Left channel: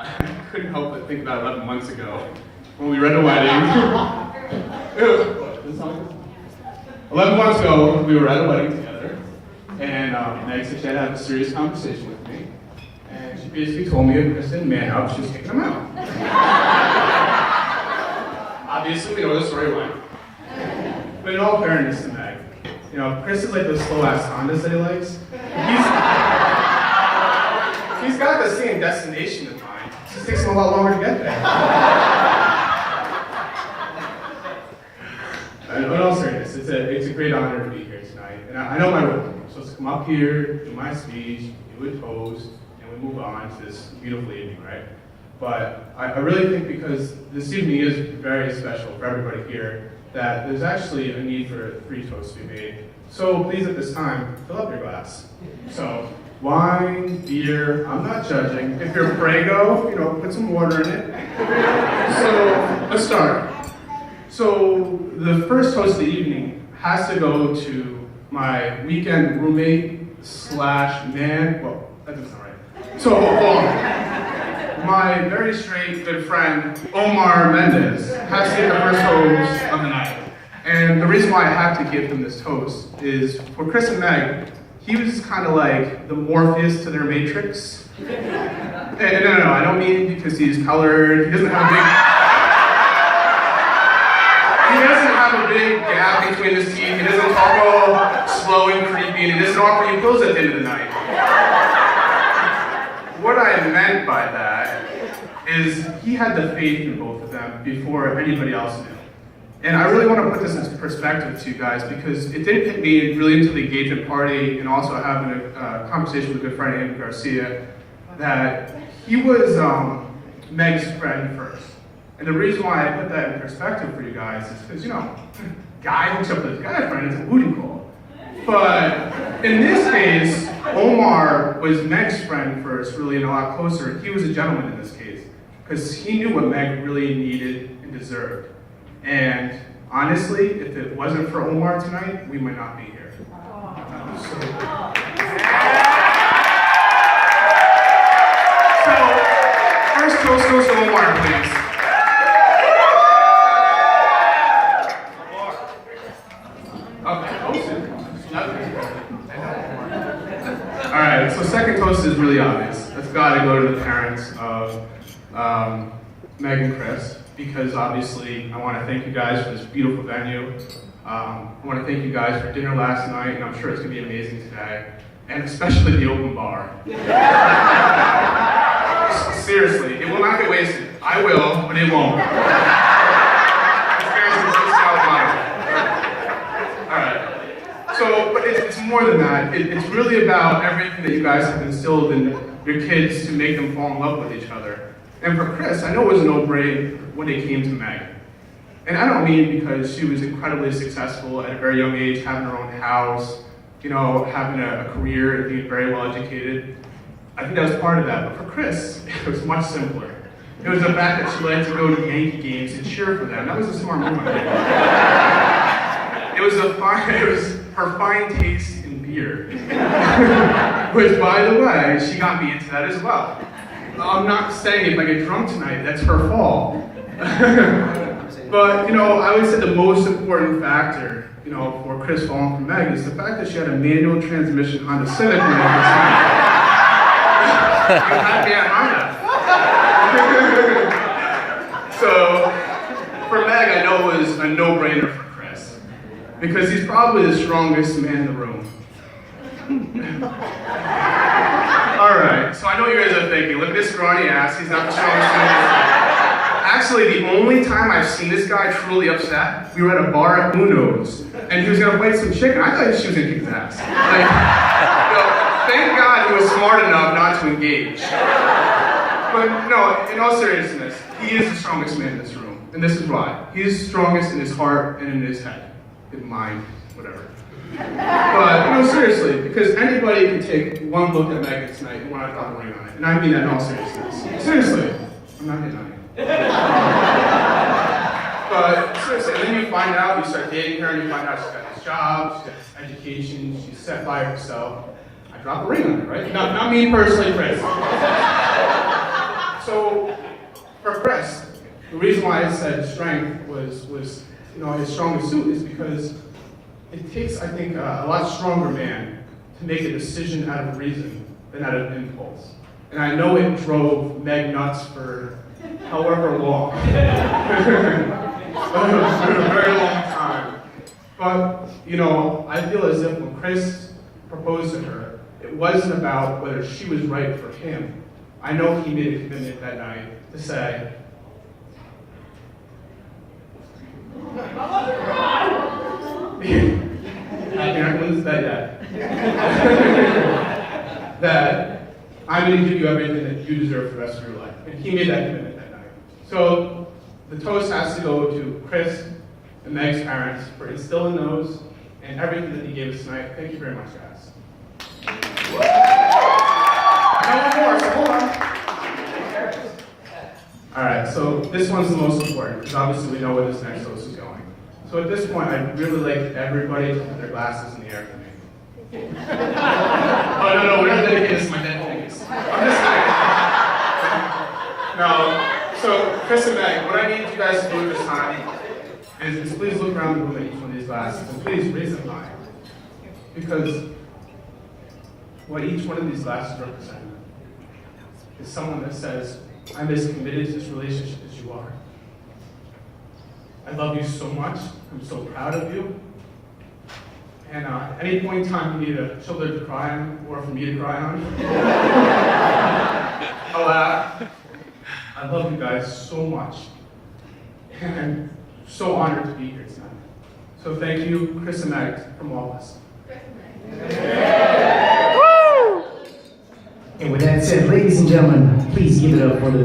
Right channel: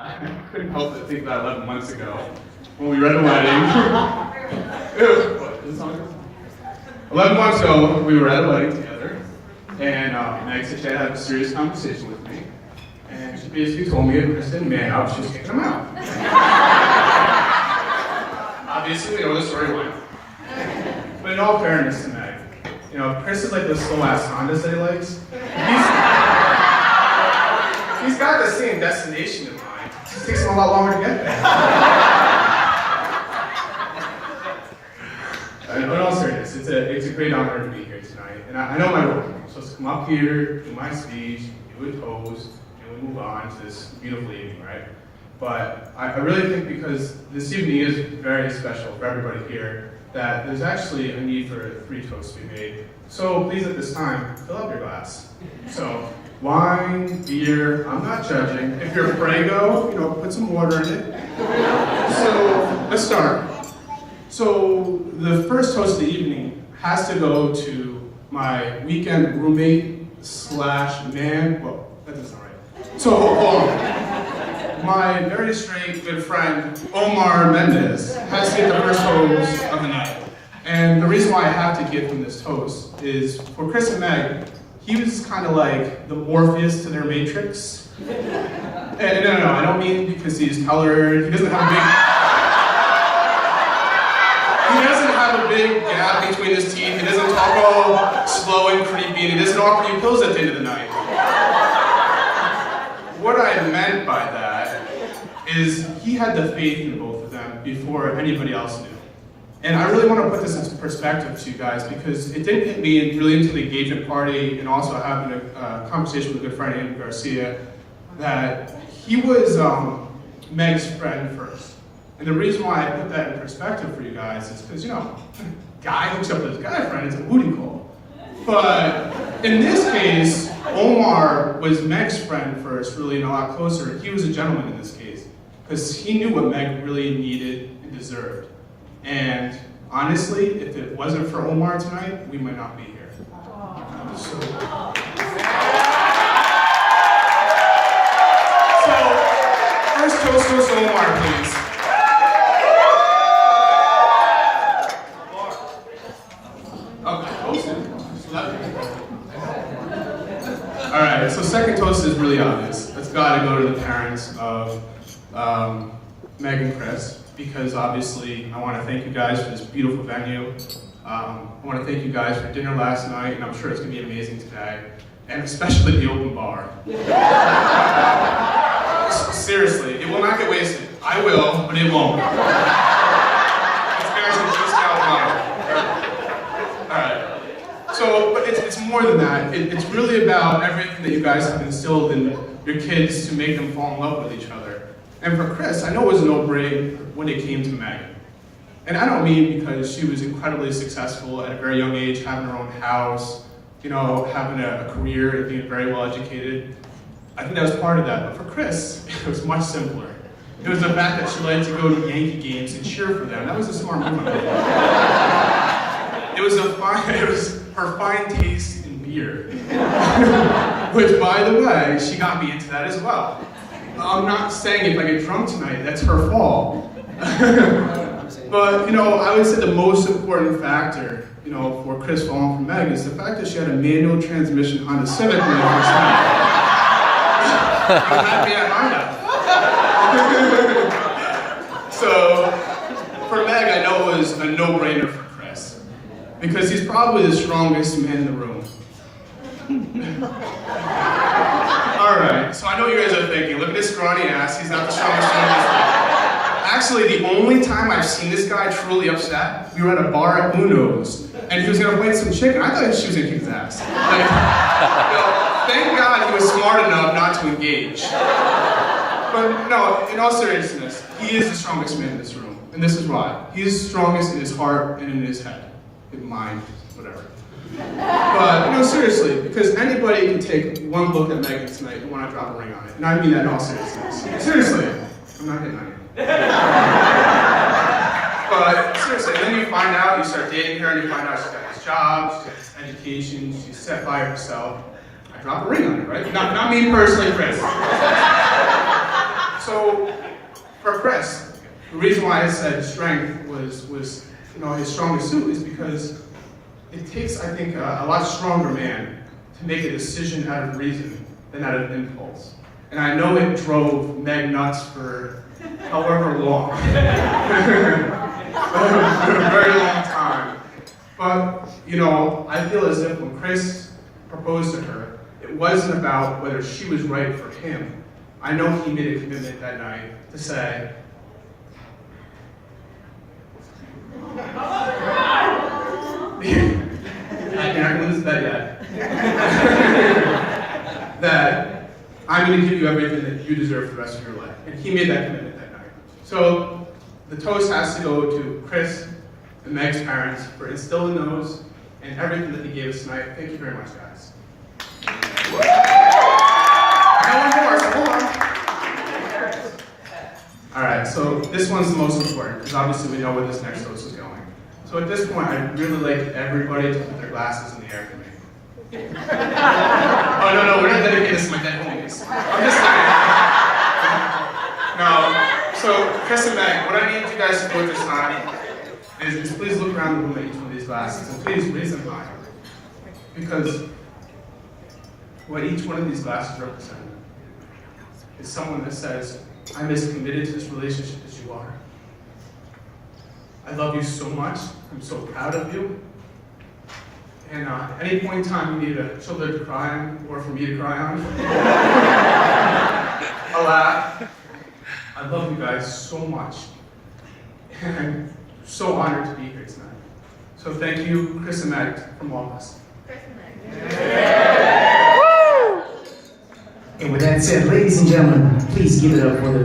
I couldn't help but think about 11 months ago when we were at a wedding. What, this song? 11 months ago, we were at a wedding together, and Meg said she had to have a serious conversation with me. And she basically told me if Chris didn't man out, she was kicking him out. Obviously, we know the story went. But in all fairness to Meg, you know, Chris is like the slow-ass Hondas that he likes. He's got the same destination in mind. It just takes him a lot longer to get there. But in all seriousness, it's a great honor to be here tonight. And I know my role. I'm supposed to come up here, do my speech, do a toast, and we'll move on to this beautiful evening, right? But I really think because this evening is very special for everybody here, that there's actually a need for 3 toasts to be made. So please at this time, fill up your glass. So wine, beer, I'm not judging. If you're Prego, you know, put some water in it. So let's start. So the first toast of the evening has to go to my weekend roommate / man. Well, that doesn't sound right. So my very straight good friend Omar Mendez has to get the first toast of the night. And the reason why I have to give him this toast is for Chris and Meg, he was kind of like the Morpheus to their Matrix. And no, I don't mean because he's colored. He doesn't have a big gap between his teeth. He doesn't talk all slow and creepy, and he doesn't offer you pills at the end of the night. What I meant by that is he had the faith in both of them before anybody else did. And I really want to put this into perspective to you guys because it didn't hit me really until the engagement party and also having a conversation with a good friend, Andy Garcia, that he was Meg's friend first. And the reason why I put that in perspective for you guys is because, you know, guy hooks up with his guy friend, it's a booty call. But in this case, Omar was Meg's friend first, really, and a lot closer. He was a gentleman in this case because he knew what Meg really needed and deserved. And honestly, if it wasn't for Omar tonight, we might not be here. So first toast goes to Omar, please. All right, so second toast is really obvious. It's got to go to the parents of Meg and Chris. Because obviously, I want to thank you guys for this beautiful venue. I want to thank you guys for dinner last night, and I'm sure it's going to be amazing today. And especially the open bar. Seriously, it will not get wasted. I will, but it won't. Alright. So, but it's more than that. It's really about everything that you guys have instilled in your kids to make them fall in love with each other. And for Chris, I know it was a no-brainer when it came to Meg. And I don't mean because she was incredibly successful at a very young age, having her own house, you know, having a career and being very well educated. I think that was part of that. But for Chris, it was much simpler. It was the fact that she liked to go to Yankee games and cheer for them. That was a smart move. It was her fine taste in beer. Which, by the way, she got me into that as well. I'm not saying if I get drunk tonight, that's her fault. But, you know, I would say the most important factor, you know, for Chris falling for Meg is the fact that she had a manual transmission Honda Civic when I first met her. You had me at Honda. So, for Meg, I know it was a no-brainer for Chris. Because he's probably the strongest man in the room. Alright, so I know what you guys are thinking, look at this scrawny ass, he's not the strongest man in the room. Actually, the only time I've seen this guy truly upset, we were at a bar at Uno's, and he was gonna fight some chick, and I thought she was gonna kick his ass. Like, you know, thank God he was smart enough not to engage. But no, in all seriousness, he is the strongest man in this room, and this is why. He is strongest in his heart and in his head, in mind, whatever. But, you know, seriously, because anybody can take one look at Megan tonight and want to drop a ring on it. And I mean that in all seriousness. Seriously, I'm not hitting on you. But seriously, and then you find out, you start dating her, and you find out she's got this job, she's got this education, she's set by herself. I drop a ring on it, right? Not me personally, Chris. So for Chris, the reason why I said strength was his strongest suit is because it takes, I think, a lot stronger man to make a decision out of reason than out of impulse. And I know it drove Meg nuts for however long. For a very long time. But, I feel as if when Chris proposed to her, it wasn't about whether she was right for him. I know he made a commitment that night to say, that I'm going to give you everything that you deserve for the rest of your life. And he made that commitment that night. So the toast has to go to Chris and Meg's parents for instilling those and everything that he gave us tonight. Thank you very much, guys. All right, so this one's the most important because obviously we know where this next toast is going. So at this point, I'd really like everybody to put their glasses in the air for me. Oh, no, we're not dedicated to my dead homies. No, so Chris and Meg, what I need you guys to do this time is just please look around the room at each one of these glasses and please raise them high. Because what each one of these glasses represent is someone that says, I'm as committed to this relationship as you are. I love you so much. I'm so proud of you. And at any point in time you need a shoulder to cry on, or for me to cry on, I'll laugh. I love you guys so much. And I'm so honored to be here tonight. So thank you, Chris and Meg, from all of us. Chris and Meg. And with that said, ladies and gentlemen, please give it up for the